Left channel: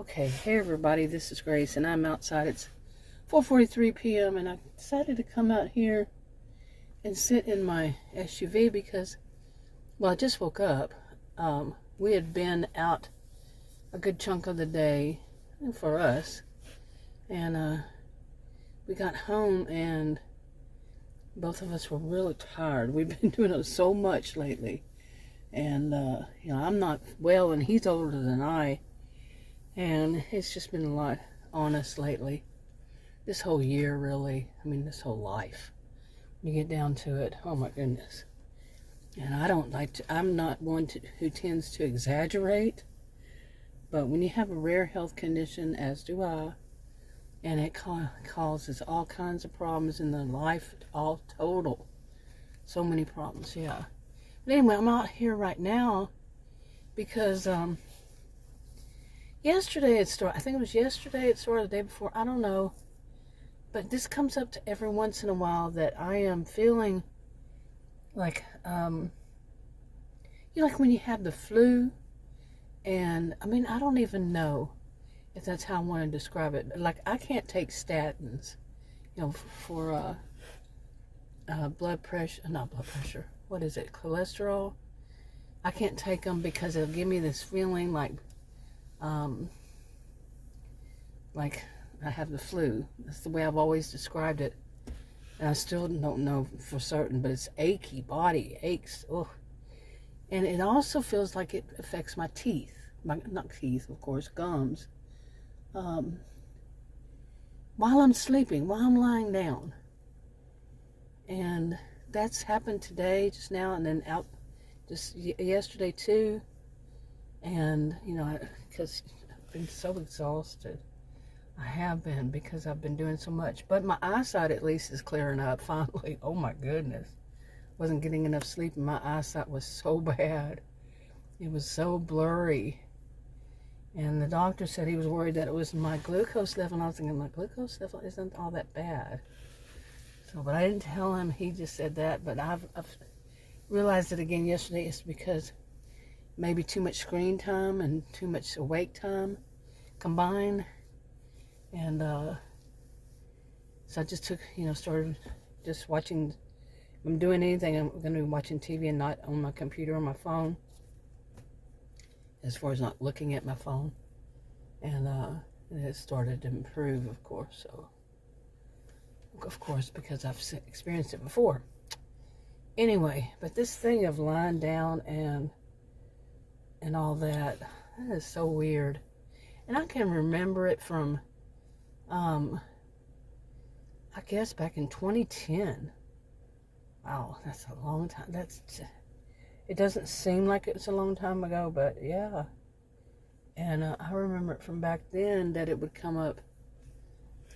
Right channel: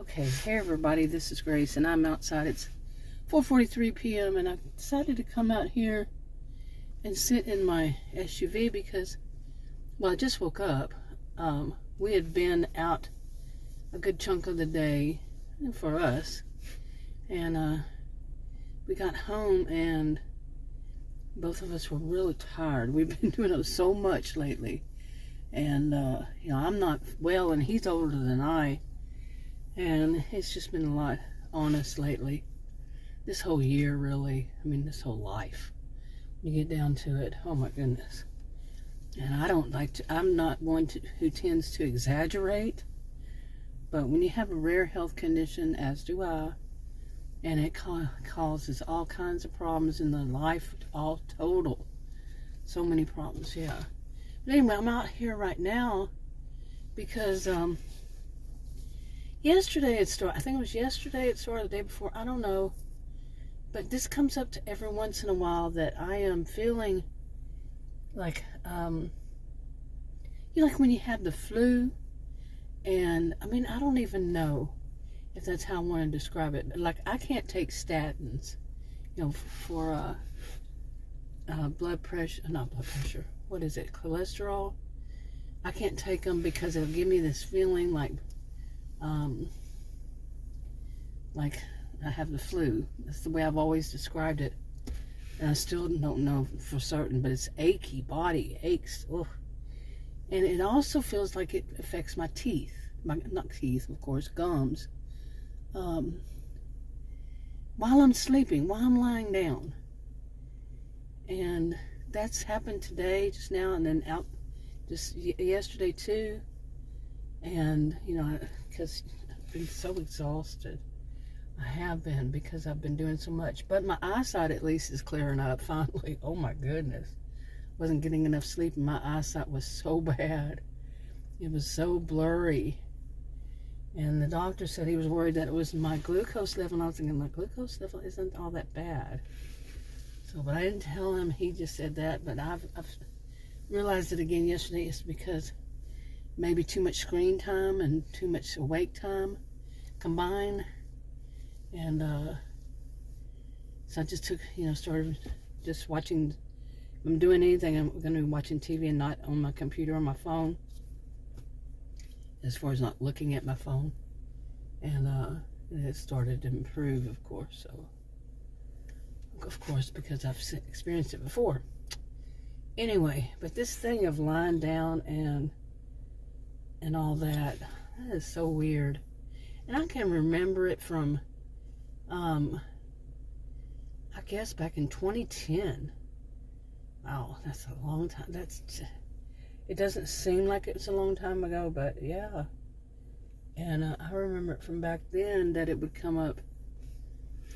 Okay, hey everybody, this is Grace and I'm outside. It's 4:43 p.m. and I decided to come out here and sit in my SUV because, well, I just woke up. We had been out a good chunk of the day for us, and we got home and both of us were really tired. We've been doing so much lately, and I'm not well and he's older than I. And it's just been a lot on us lately. This whole year, really. I mean, this whole life. When you get down to it, oh my goodness. And I'm not one who tends to exaggerate. But when you have a rare health condition, as do I, and it causes all kinds of problems in the life, all total. So many problems, yeah. But anyway, I'm out here right now because, yesterday it started. I think it was yesterday it started, the day before. I don't know. But this comes up to every once in a while that I am feeling like, like when you have the flu. And, I mean, I don't even know if that's how I want to describe it. Like, I can't take statins, for blood pressure. Not blood pressure. What is it? Cholesterol. I can't take them because it'll give me this feeling like I have the flu. That's the way I've always described it. And I still don't know for certain, but it's achy, body aches. Ugh. And it also feels like it affects my teeth. Not teeth, of course, gums. While I'm sleeping, while I'm lying down. And that's happened today, just now, and then out just yesterday too. And, because I've been so exhausted. I have been, because I've been doing so much. But my eyesight at least is clearing up finally. Oh my goodness. Wasn't getting enough sleep and my eyesight was so bad. It was so blurry. And the doctor said he was worried that it was my glucose level. And I was thinking, my glucose level isn't all that bad. So, but I didn't tell him. He just said that. But I've realized it again yesterday. It's because maybe too much screen time and too much awake time combined. And so I just took, started just watching. If I'm doing anything, I'm going to be watching TV and not on my computer or my phone. As far as not looking at my phone. And it started to improve, of course. So, of course, because I've experienced it before. Anyway, but this thing of lying down and all that is so weird. And I can remember it from, I guess back in 2010. Wow, that's a long time. It doesn't seem like it's a long time ago, but yeah. And I remember it from back then that it would come up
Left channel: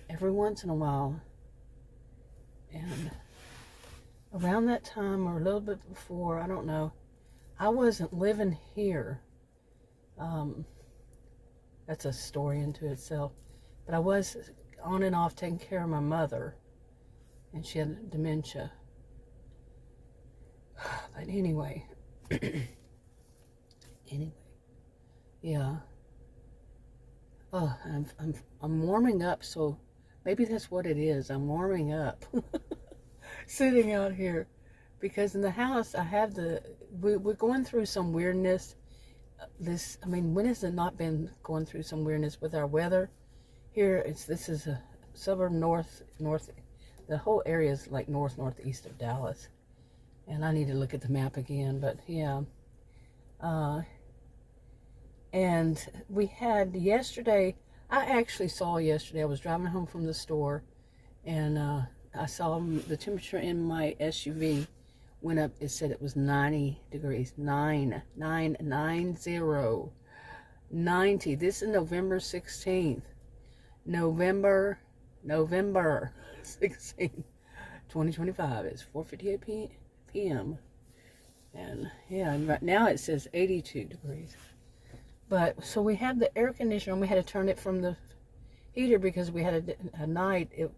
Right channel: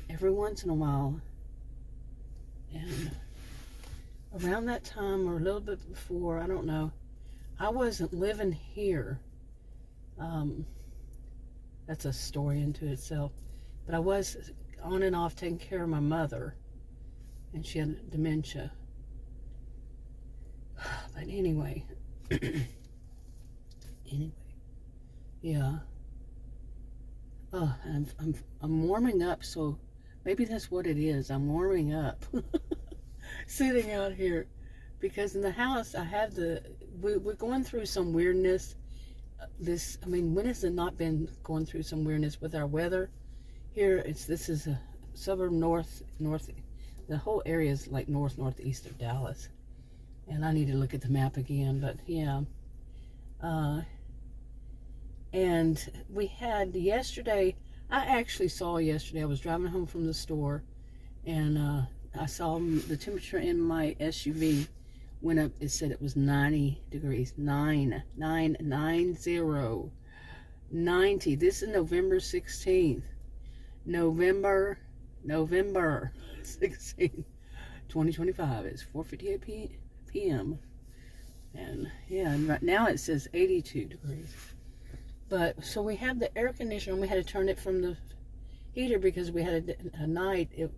every once in a while. And around that time or a little bit before, I don't know, I wasn't living here. That's a story into itself. But I was on and off taking care of my mother. And she had dementia. But anyway. Yeah. Oh, I'm warming up, so maybe that's what it is. I'm warming up. Sitting out here. Because in the house, I have we're going through some weirdness. When has it not been going through some weirdness with our weather? Here, this is a suburb north, the whole area is like northeast of Dallas. And I need to look at the map again, but yeah. And we had yesterday, I actually saw yesterday, I was driving home from the store, and I saw the temperature in my SUV went up. It said it was 90 degrees, 90. This is November 16th. November 16th, 2025. It's 4:58 p.m. And yeah, and right now it says 82 degrees. But so we have the air conditioner, and we had to turn it from the heater because we had a night it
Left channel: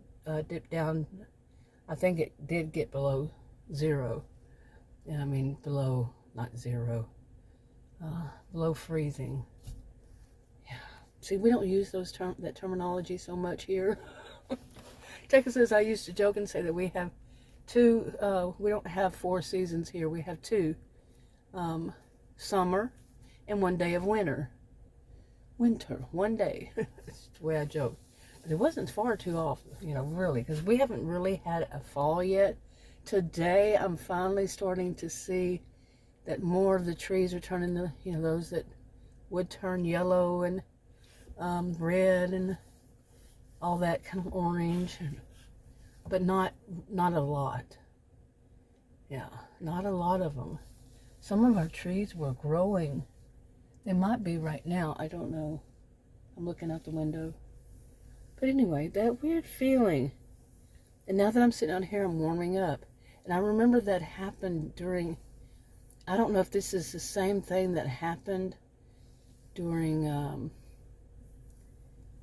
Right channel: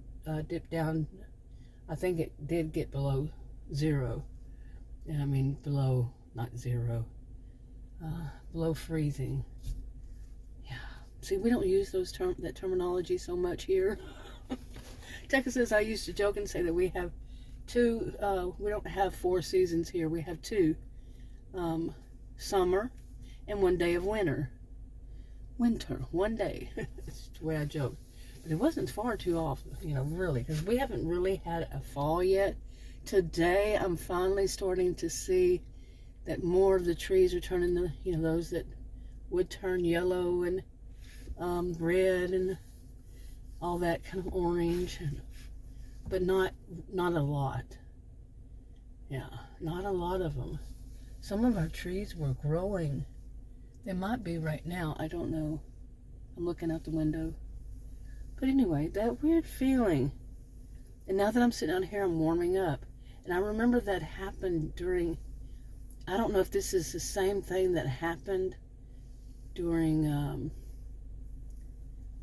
dipped down. I think it did get below zero. I mean, below, not zero, below freezing. Yeah. see, we don't use that terminology so much here. Texas, I used to joke and say that we have two, we don't have 4 seasons here. We have 2, summer and 1 day of winter. Winter, 1 day. That's the way I joke. But it wasn't far too often, really, because we haven't really had a fall yet. Today, I'm finally starting to see that more of the trees are turning to, those that would turn yellow and red and all that kind of orange, but not a lot. Yeah, not a lot of them. Some of our trees were growing. They might be right now. I don't know. I'm looking out the window. But anyway, that weird feeling. And now that I'm sitting out here, I'm warming up. And I remember that happened during, I don't know if this is the same thing that happened during,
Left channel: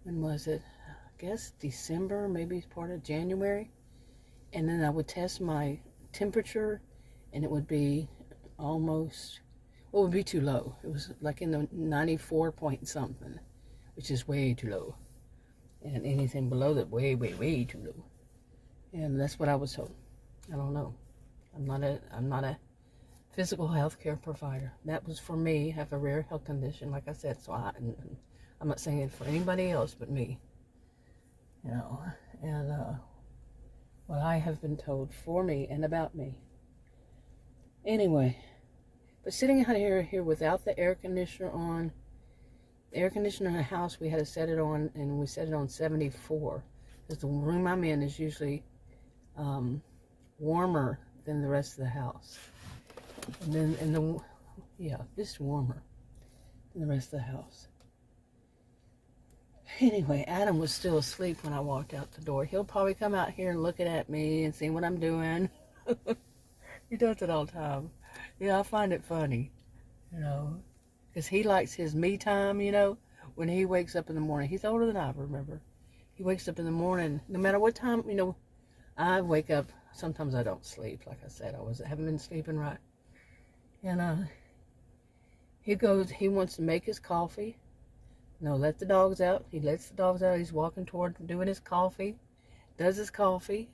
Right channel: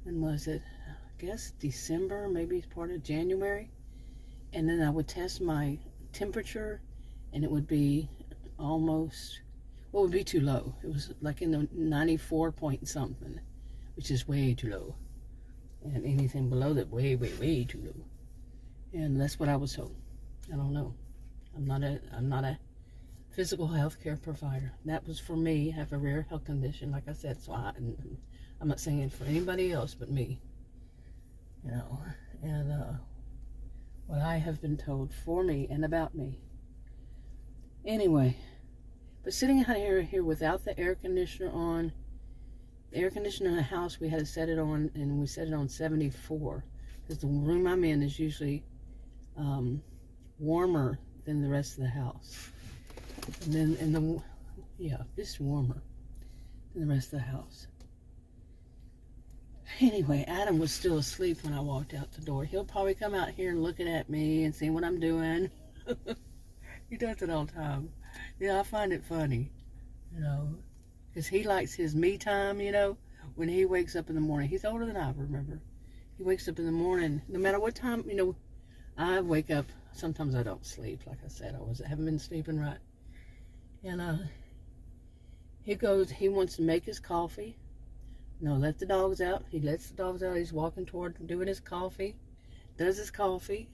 when was it? I guess December, maybe part of January. And then I would test my temperature, and it would be almost, well, it would be too low. It was like in the 94 point something, which is way too low. And anything below that, way, way, way too low. And that's what I was told. I don't know. I'm not a physical health care provider. That was for me. I have a rare health condition, like I said, so I'm not saying it for anybody else but me. And what I have been told for me and about me. Anyway, but sitting out here without the air conditioner on, the air conditioner in the house, we had to set it on, and we set it on 74, because the room I'm in is usually warmer than the rest of the house. And then it's warmer than the rest of the house. Anyway, Adam was still asleep when I walked out the door. He'll probably come out here and looking at me and see what I'm doing. He does it all the time. Yeah, I find it funny, because he likes his me time, when he wakes up in the morning. He's older than I remember. He wakes up in the morning, no matter what time, I wake up. Sometimes I don't sleep, like I said. I haven't been sleeping right. And he wants to make his coffee. Let the dogs out. He lets the dogs out. He's walking toward doing his coffee. Does his coffee.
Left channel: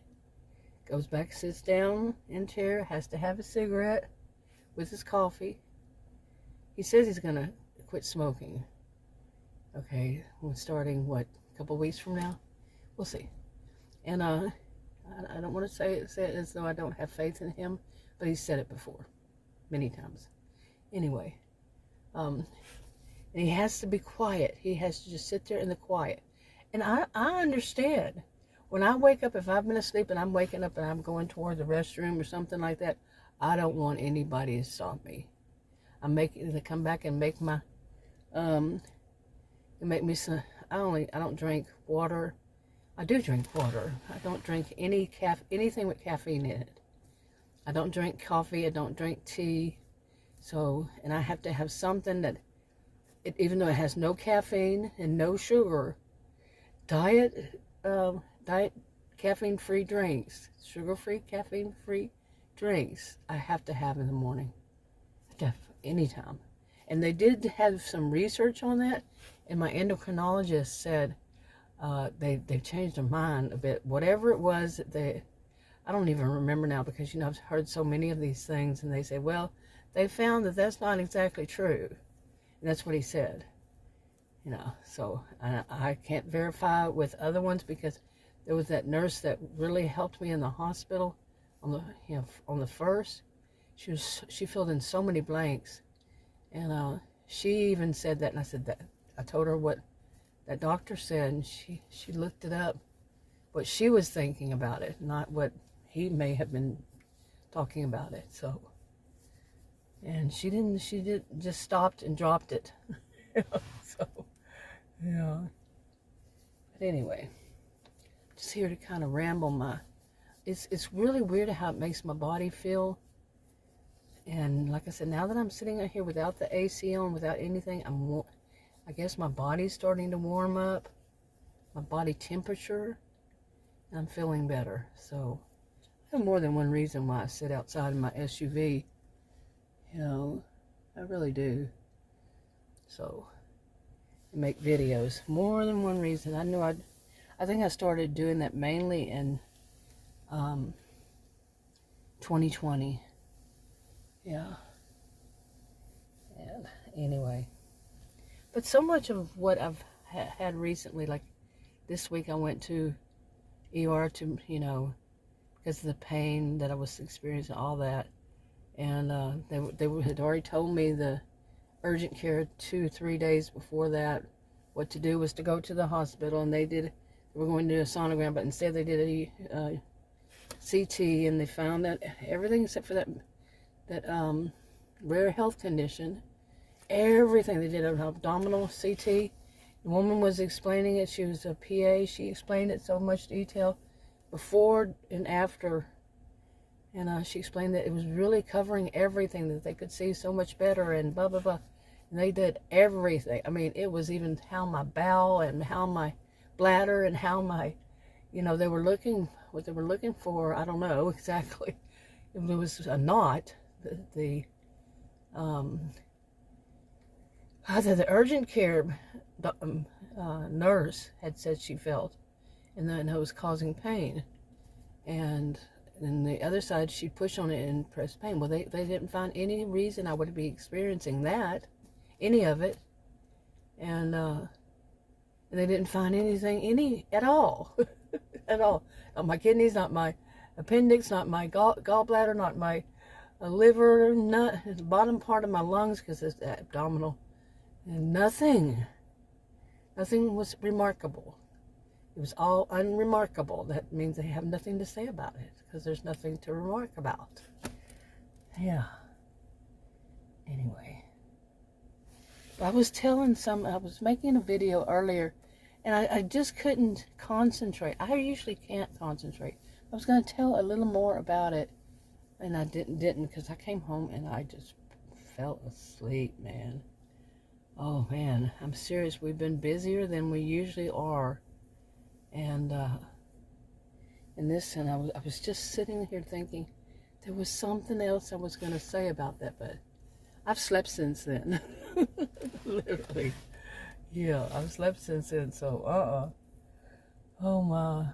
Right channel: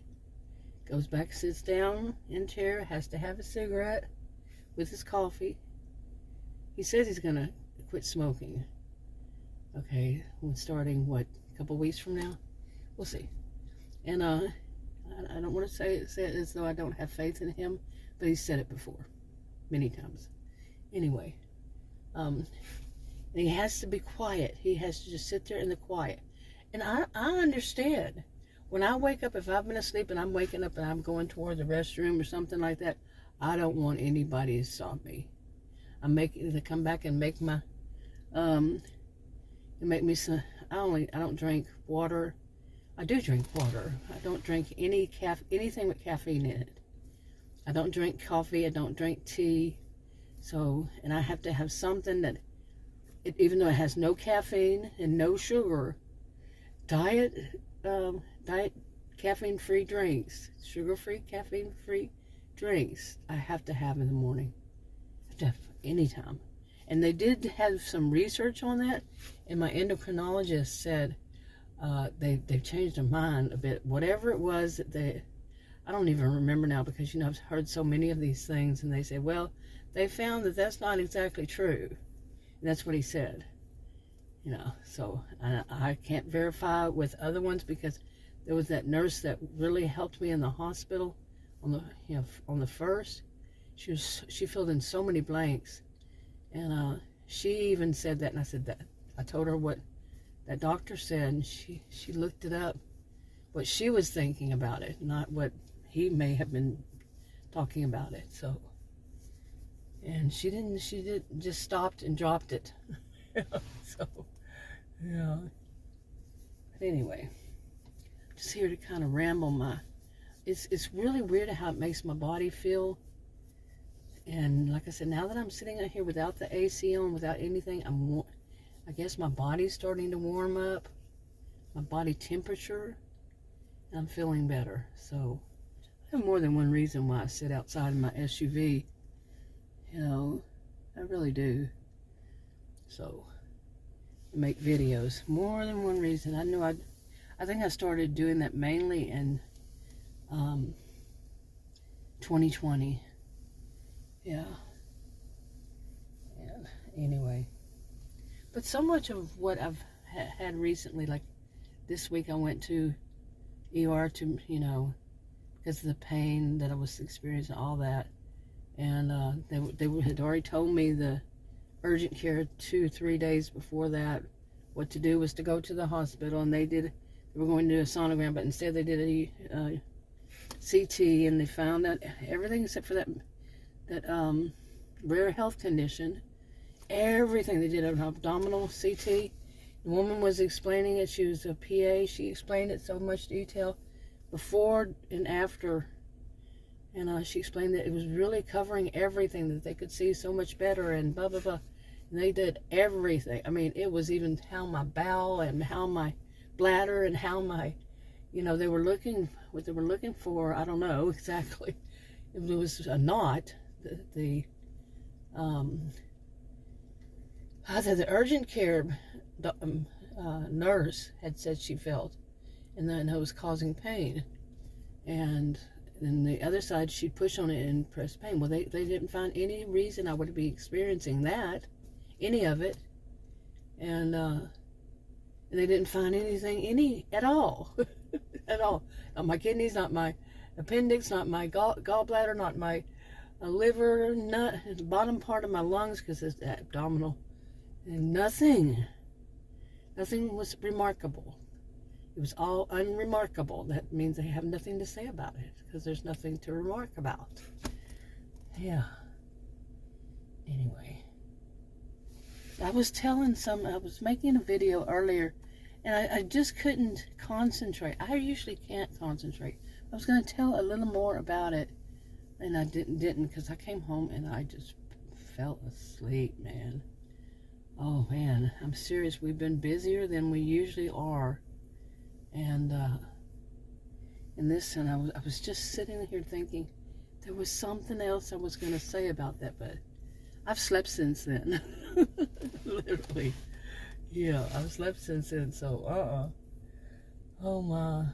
Goes back, sits down in a chair. Has to have a cigarette with his coffee. He says he's going to quit smoking. Okay, starting, a couple weeks from now? We'll see. And I don't want to say it as though I don't have faith in him, but he's said it before, many times. Anyway, and he has to be quiet. He has to just sit there in the quiet. And I understand. When I wake up, if I've been asleep and I'm waking up and I'm going toward the restroom or something like that, I don't want anybody to stop me. To come back and make my, make me some, I don't drink water. I do drink water. I don't drink anything with caffeine in it. I don't drink coffee. I don't drink tea. So, and I have to have something that, even though it has no caffeine and no sugar, diet caffeine-free drinks, sugar-free, caffeine-free drinks, I have to have in the morning. I have to have anytime. And they did have some research on that, and my endocrinologist said they've changed their mind a bit. Whatever it was that I don't even remember now, because I've heard so many of these things, and they say, well, they found that that's not exactly true. And that's what he said. So I can't verify with other ones, because there was that nurse that really helped me in the hospital on the first. She filled in so many blanks, and she even said that, and I said that. I told her what that doctor said, and she looked it up, what she was thinking about it, not what he may have been talking about it. So, and she just stopped and dropped it. So, yeah. But anyway, just here to kind of ramble it's really weird how it makes my body feel. And like I said, now that I'm sitting out here without the AC on, without anything, I guess my body's starting to warm up, my body temperature, and I'm feeling better. So I have more than one reason why I sit outside in my SUV. I really do. So make videos. More than one reason. I think I started doing that mainly in 2020. Yeah. And anyway. But so much of what I've had recently, like this week I went to ER to, because of the pain that I was experiencing, all that. And they had already told me the urgent care 2-3 days before that what to do was to go to the hospital, and they were going to do a sonogram, but instead they did a CT, and they found out everything except for that rare health condition. Everything. They did an abdominal CT. The woman was explaining it. She was a PA. She explained it so much detail before and after. And she explained that it was really covering everything, that they could see so much better and blah, blah, blah. And they did everything. I mean, it was even how my bowel and how my bladder and how my, they were looking, what they were looking for, I don't know exactly. It was a knot. The urgent care nurse had said she felt, and then it was causing pain. And then the other side, she'd push on it and press pain. Well, they didn't find any reason I would be experiencing that, any of it. And they didn't find anything, at all. At all. Not my kidneys, not my appendix, not my gallbladder, not my liver, the bottom part of my lungs, because it's abdominal. And nothing was remarkable. It was all unremarkable. That means they have nothing to say about it, because there's nothing to remark about. Yeah. Anyway. I was making a video earlier, and I just couldn't concentrate. I usually can't concentrate. I was going to tell a little more about it, and I didn't, because I came home and I just fell asleep, man. Oh, man, I'm serious. We've been busier than we usually are. And I was just sitting here thinking there was something else I was going to say about that, but I've slept since then. Literally. Yeah, I've slept since then, so, oh my.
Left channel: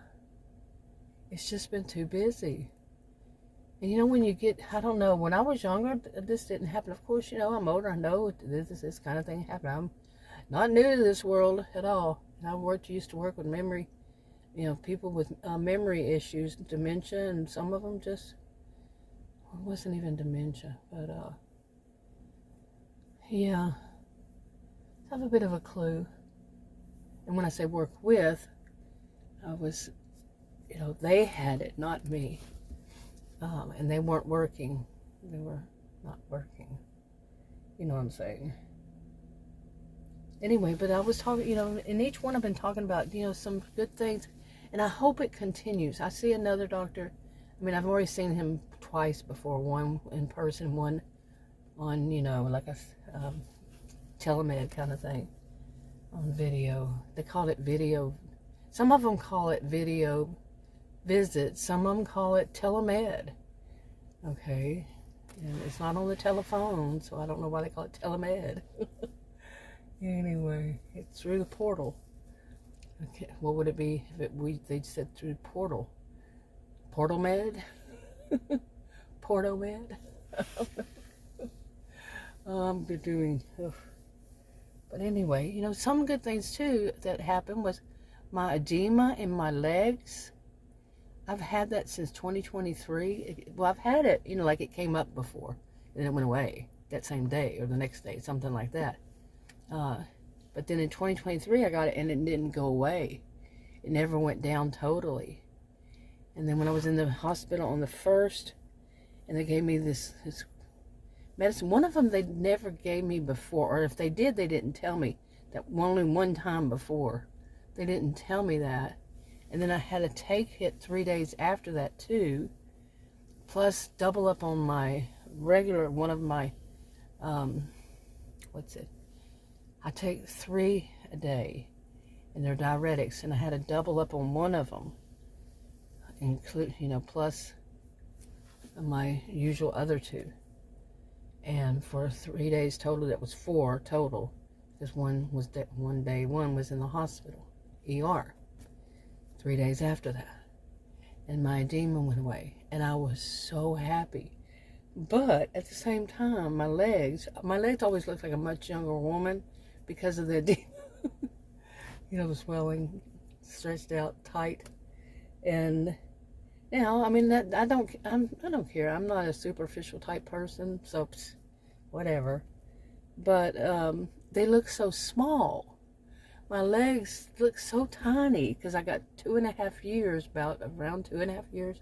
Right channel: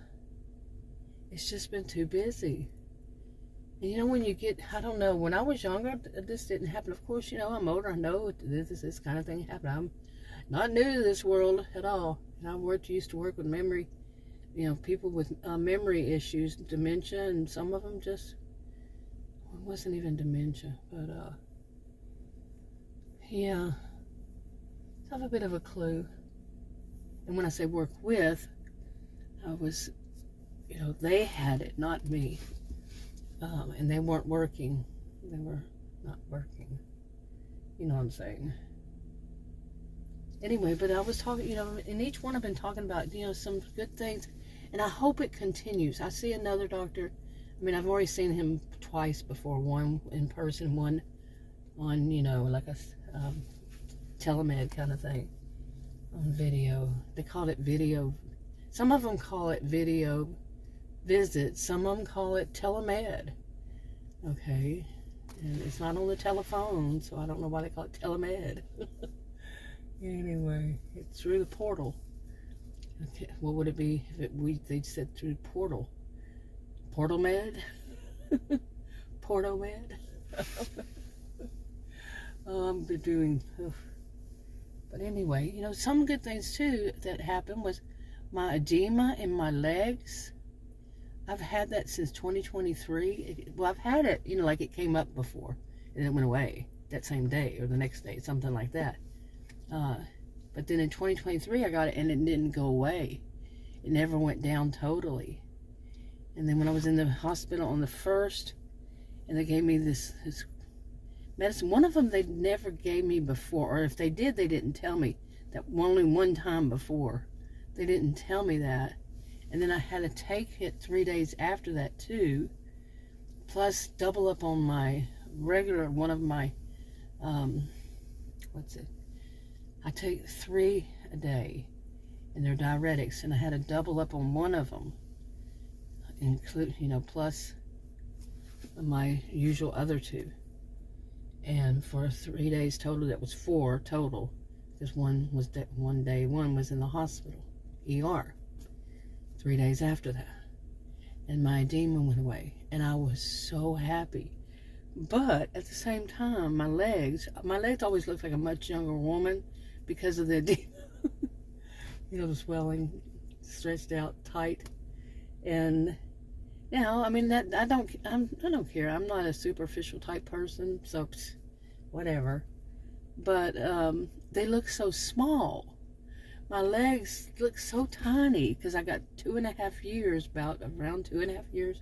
It's just been too busy. And when you get, I don't know, when I was younger, this didn't happen. Of course, I'm older. I know this kind of thing happened. I'm not new to this world at all. And I used to work with memory, people with memory issues, dementia, and some of them just, it wasn't even dementia, but, yeah. I have a bit of a clue. And when I say work with, I was, they had it, not me. And they weren't working. They were not working. You know what I'm saying? Anyway, but I was talking, in each one I've been talking about, some good things. And I hope it continues. I see another doctor. I mean, I've already seen him twice before. One in person, one on, like a telemed kind of thing on video. They call it video. Some of them call it video visit. Some of them call it telemed. Okay. And it's not on the telephone, so I don't know why they call it telemed. Anyway, it's through the portal. Okay, what would it be if they said through portal? Portal med? Porto med? I'm doing. But anyway, some good things too that happened was my edema in my legs. I've had that since 2023. Well, I've had it, like it came up before and it went away that same day or the next day, something like that. But then in 2023, I got it and it didn't go away. It never went down totally. And then when I was in the hospital on the 1st, and they gave me this medicine, one of them they never gave me before, or if they did, they didn't tell me that only one time before. They didn't tell me that. And then I had to take it 3 days after that too, plus double up on my regular, one of my, I take 3 a day, and they're diuretics, and I had to double up on one of them, plus my usual other 2. And for 3 days total, that was 4 total. because one was in the hospital, ER, 3 days after that. And my edema went away, and I was so happy. But at the same time, my legs always looked like a much younger woman because of the edema. The swelling, stretched out tight. And now, I mean, I don't care. I'm not a superficial type person, so whatever. But they look so small. My legs look so tiny because I got 2.5 years, around 2.5 years,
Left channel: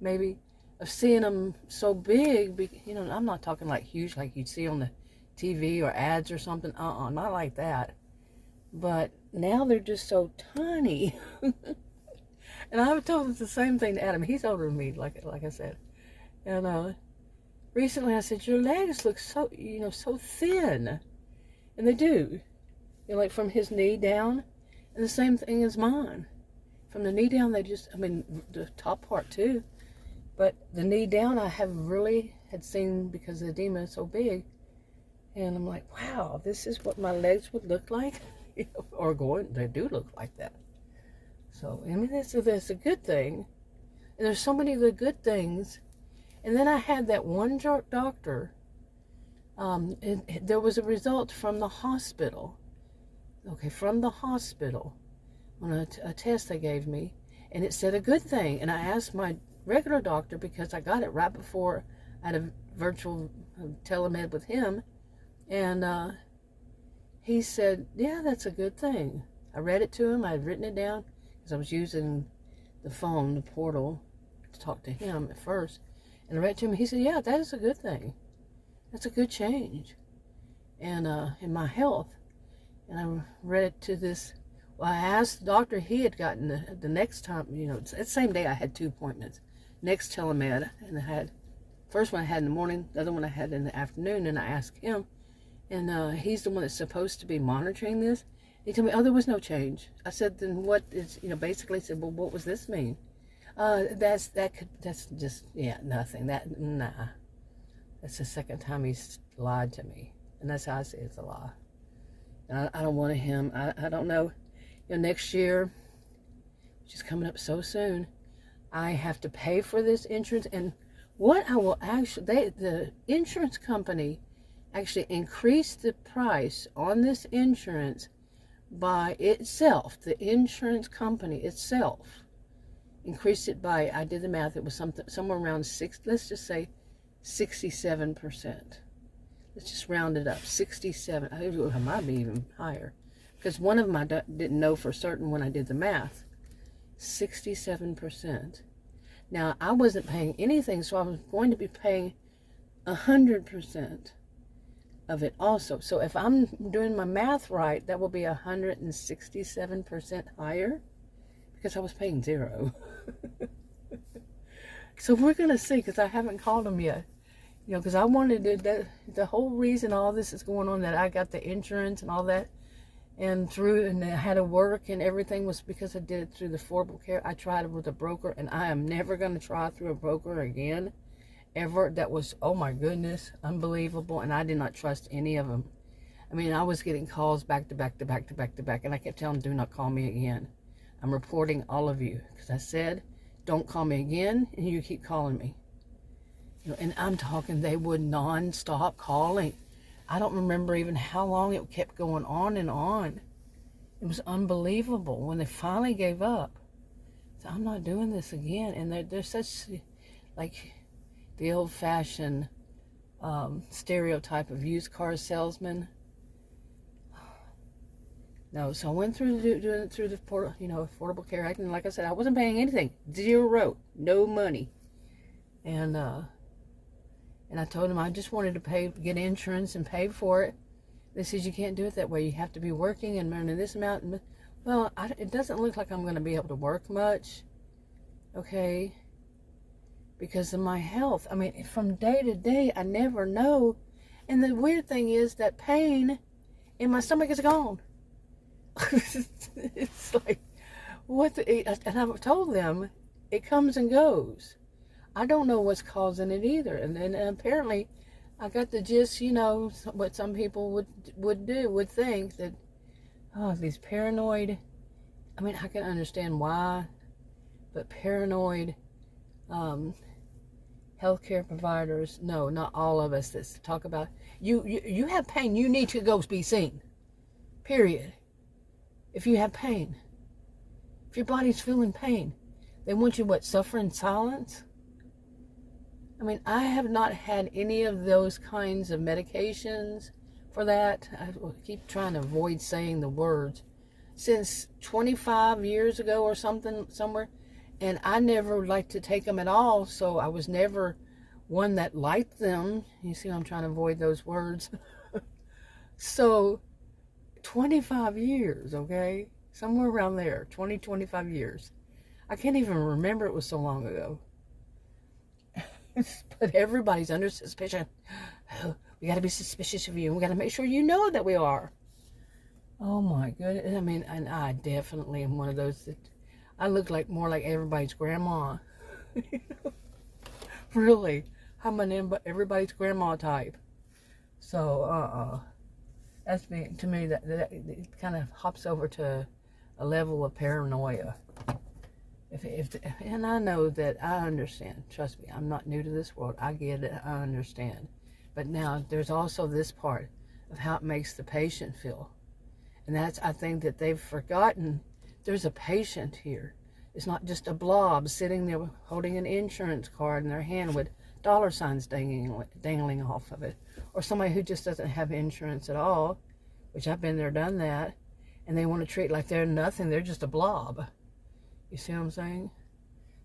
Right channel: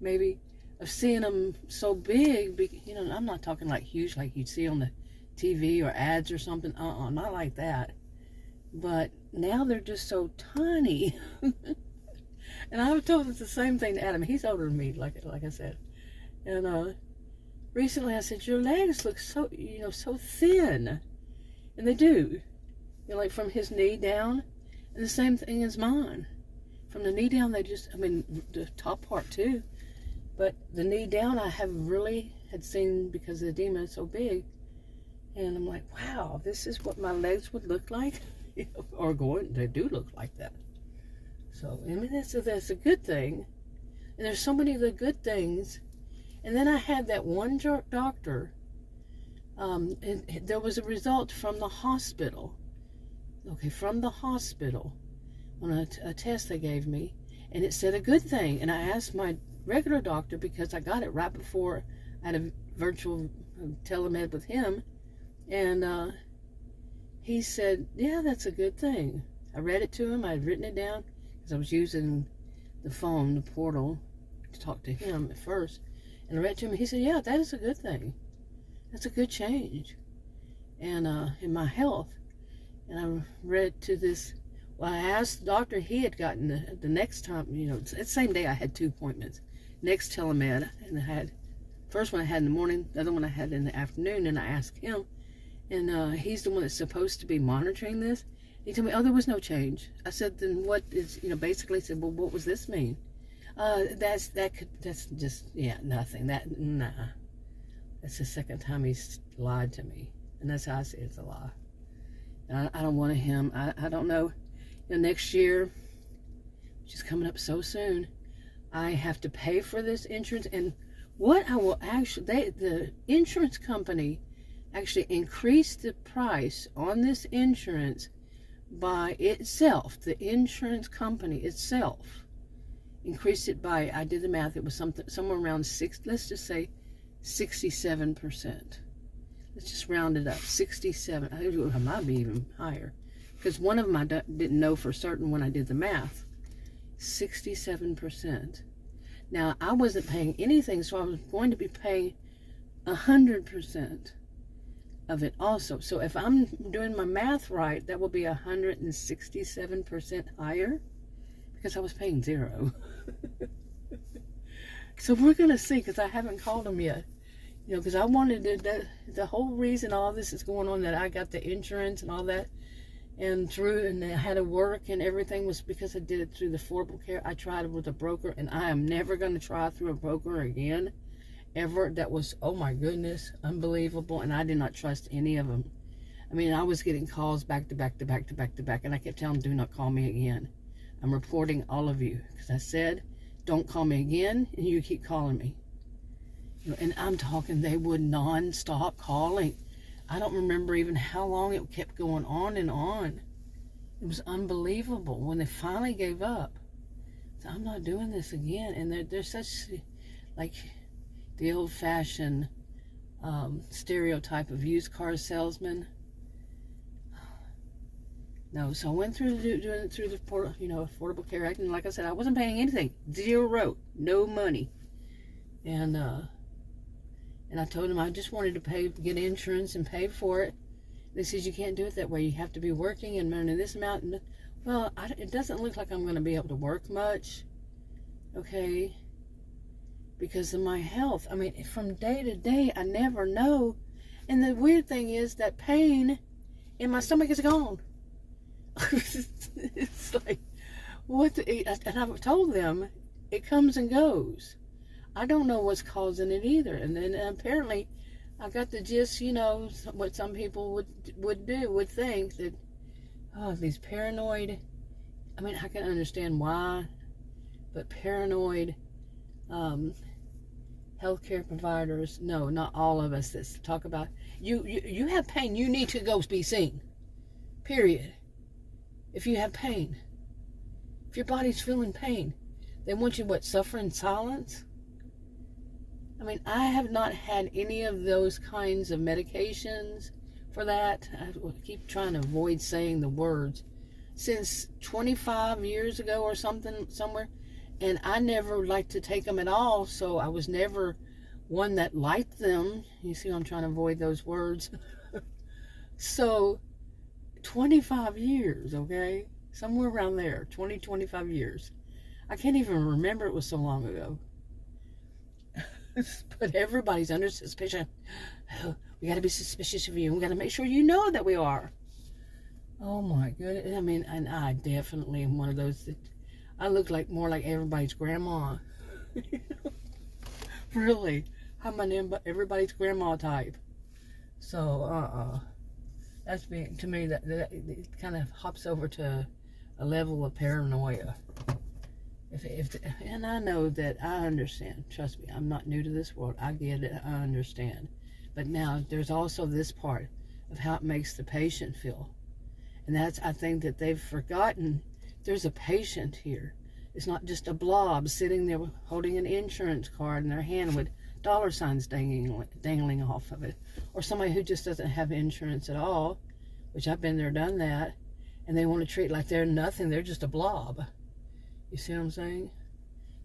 maybe, of seeing them so big. I'm not talking like huge, like you'd see on the TV or ads or something. Not like that. But now they're just so tiny. And I was told the same thing to Adam. He's older than me, like I said. And recently I said, your legs look so, so thin. And they do. Like from his knee down. And the same thing as mine. From the knee down, the top part too. But the knee down I had seen because the edema is so big. And I'm like, wow, this is what my legs would look like. They do look like that. So, I mean, that's a good thing. And there's so many of the good things. And then I had that one doctor. And there was a result from the hospital. Okay, from the hospital. On a test they gave me. And it said a good thing. And I asked my regular doctor, because I got it right before I had a virtual telemed with him. And he said, yeah, that's a good thing. I read it to him. I had written it down because I was using the phone, the portal, to talk to him at first. And I read it to him. He said, yeah, that is a good thing. That's a good change. And in my health. And I read it to this. Well, I asked the doctor. He had gotten the next time, the same day I had 2 appointments. Next telemed. And first one I had in the morning. The other one I had in the afternoon. And I asked him. And he's the one that's supposed to be monitoring this. He told me, oh, there was no change. I said, then what is, basically said, well, what was this mean? That's just, nothing. Nah. That's the second time he's lied to me. And that's how I say it's a lie. I don't want him. I don't know. Next year, which is coming up so soon, I have to pay for this insurance. And what I will the insurance company actually increased the price on this insurance by itself. The insurance company itself increased it by, I did the math, it was somewhere around let's just say 67%. Let's just round it up, 67. It might be even higher, because one of them I didn't know for certain when I did the math. 67%. Now, I wasn't paying anything, so I was going to be paying 100% of it also. So if I'm doing my math right, that will be 167% higher, because I was paying 0. So we're going to see, because I haven't called them yet. Because I wanted the whole reason all this is going on, that I got the insurance and all that, and I had to work and everything, was because I did it through the Affordable Care. I tried it with a broker, and I am never going to try through a broker again. Ever. That was, oh my goodness, unbelievable. And I did not trust any of them. I mean, I was getting calls back to back to back to back to back, and I kept telling them, do not call me again. I'm reporting all of you, because I said, don't call me again, and you keep calling me. And I'm talking, they would non-stop calling. I don't remember even how long it kept going on and on. It was unbelievable when they finally gave up. So I'm not doing this again. And they're such, like, the old-fashioned stereotype of used car salesman. No, so I went through the portal, Affordable Care Act, and like I said, I wasn't paying anything. 0, no money. And I told them I just wanted to get insurance and pay for it. They said, you can't do it that way. You have to be working and earning this amount. Well, it doesn't look like I'm going to be able to work much, okay, because of my health. I mean, from day to day, I never know. And the weird thing is that pain in my stomach is gone. It's like, and I've told them, it comes and goes. I don't know what's causing it either. And then apparently, I got the gist, you know, what some people would think that, oh, these paranoid, I mean, I can understand why, but paranoid healthcare providers, no, not all of us that talk about, you have pain, you need to go be seen, period. If you have pain, if your body's feeling pain, they want you, what, suffer in silence? I mean, I have not had any of those kinds of medications for that. I keep trying to avoid saying the words. Since 25 years ago or something, somewhere. And I never liked to take them at all, so I was never one that liked them. You see, I'm trying to avoid those words. So, 25 years, okay? Somewhere around there, 25 years. I can't even remember it was so long ago. But everybody's under suspicion. Oh, we got to be suspicious of you. We got to make sure you know that we are. Oh my goodness. I mean, and I definitely am one of those that I look like more like everybody's grandma. Really. I'm an everybody's grandma type. So, that's me. To me, that it kind of hops over to a level of paranoia. And I know that I understand. Trust me, I'm not new to this world. I get it. I understand. But now there's also this part of how it makes the patient feel. And that's, I think that they've forgotten there's a patient here. It's not just a blob sitting there holding an insurance card in their hand with dollar signs dangling off of it. Or somebody who just doesn't have insurance at all, which I've been there, done that. And they want to treat like they're nothing. They're just a blob. You see what I'm saying?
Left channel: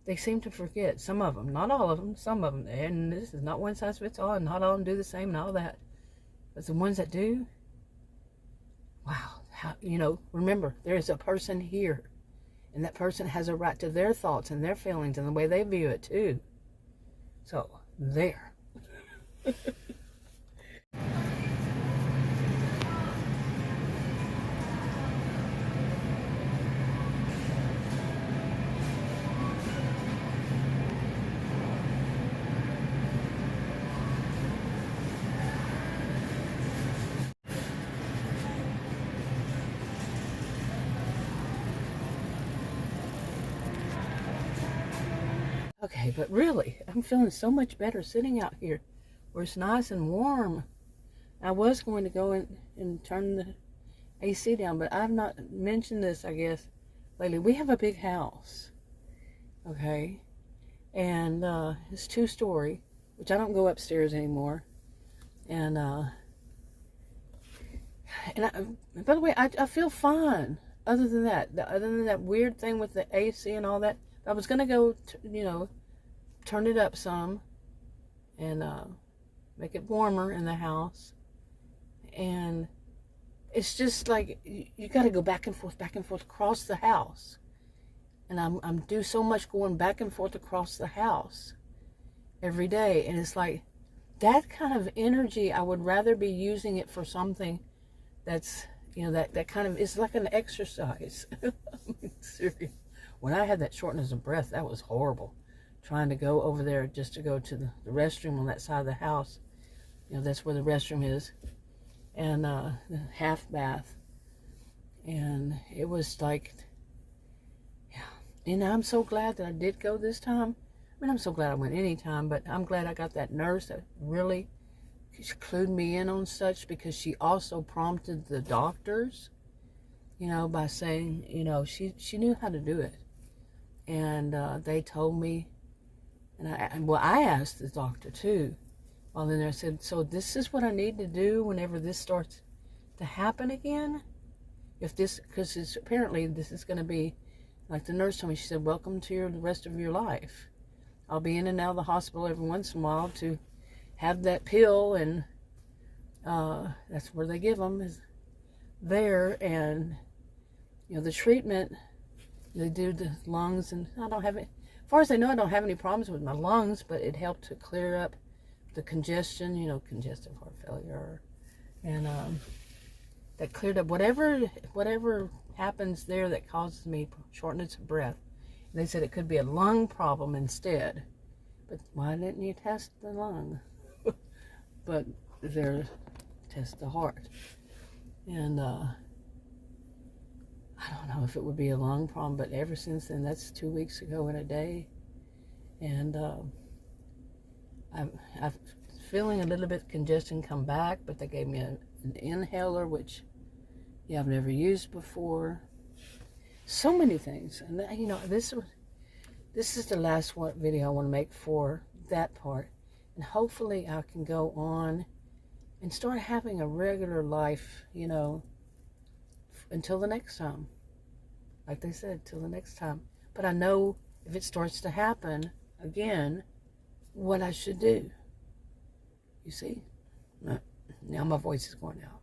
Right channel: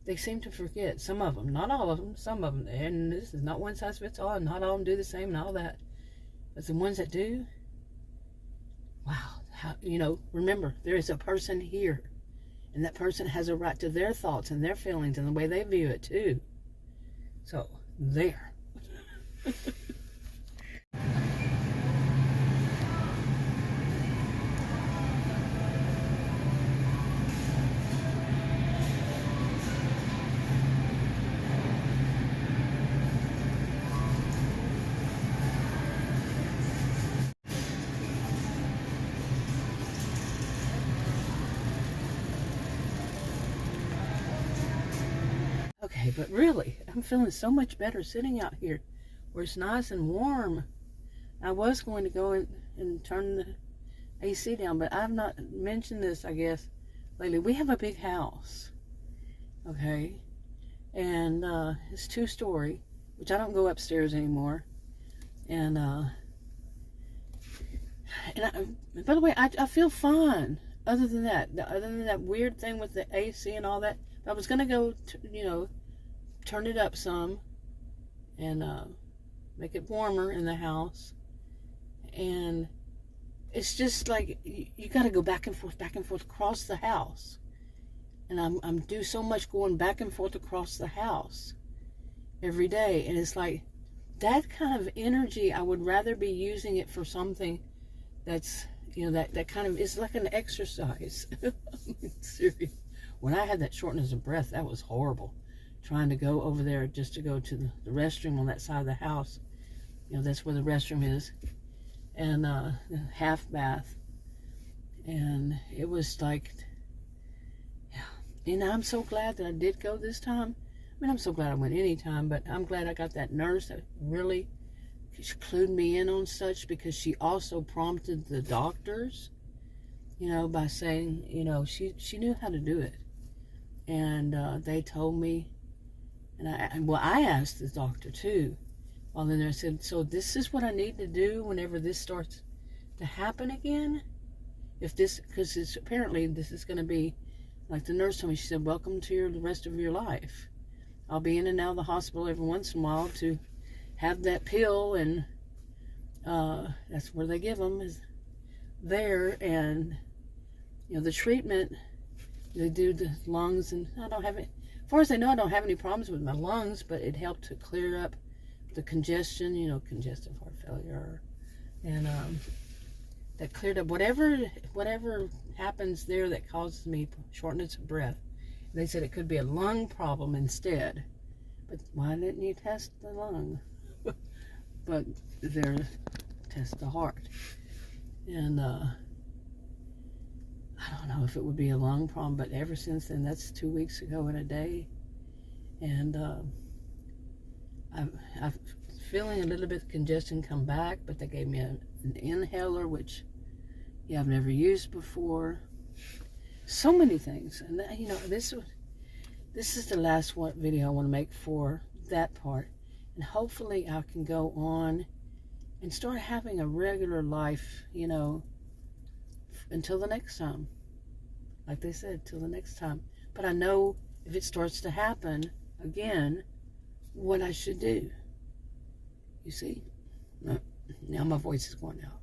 They seem to forget. Some of them, not all of them, some of them. And this is not one size fits all, and not all of them do the same and all that. But the ones that do, wow. How, you know, remember, there is a person here. And that person has a right to their thoughts and their feelings and the way they view it, too. So, there. Okay, but really, I'm feeling so much better sitting out here where it's nice and warm. I was going to go and turn the AC down, but I've not mentioned this, I guess, lately. We have a big house, okay? And it's 2-story, which I don't go upstairs anymore. And by the way, I feel fine. Other than that weird thing with the AC and all that. I was going to go, you know, turn it up some and make it warmer in the house. And it's just like you got to go back and forth across the house. And I'm do so much going back and forth across the house every day. And it's like that kind of energy, I would rather be using it for something that's, you know, that kind of, it's like an exercise. Seriously. When I had that shortness of breath, that was horrible. Trying to go over there just to go to the restroom on that side of the house. You know, that's where the restroom is. And the half bath. And it was like, yeah. And I'm so glad that I did go this time. I mean, I'm so glad I went any time, but I'm glad I got that nurse that really clued me in on such, because she also prompted the doctors, you know, by saying, you know, she knew how to do it. And they told me, and I asked the doctor too, while in there. I said, so this is what I need to do whenever this starts to happen again? If this, because apparently this is going to be, like the nurse told me, she said, welcome to the rest of your life. I'll be in and out of the hospital every once in a while to have that pill, and that's where they give them, is there. And, you know, the treatment, they do the lungs, and I don't have it. As far as I know, I don't have any problems with my lungs, but it helped to clear up the congestion, you know, congestive heart failure, and that cleared up whatever happens there that causes me shortness of breath. And they said it could be a lung problem instead. But why didn't you test the lung? but they're test the heart. And I don't know if it would be a long problem, but ever since then, that's 2 weeks ago in a day. And I'm feeling a little bit congestion come back, but they gave me an inhaler, which I've never used before. So many things. And you know, this is the last video I want to make for that part. And hopefully I can go on and start having a regular life, you know, until the next time. Like they said, till the next time. But I know if it starts to happen again, what I should do. You see? Now my voice is going out.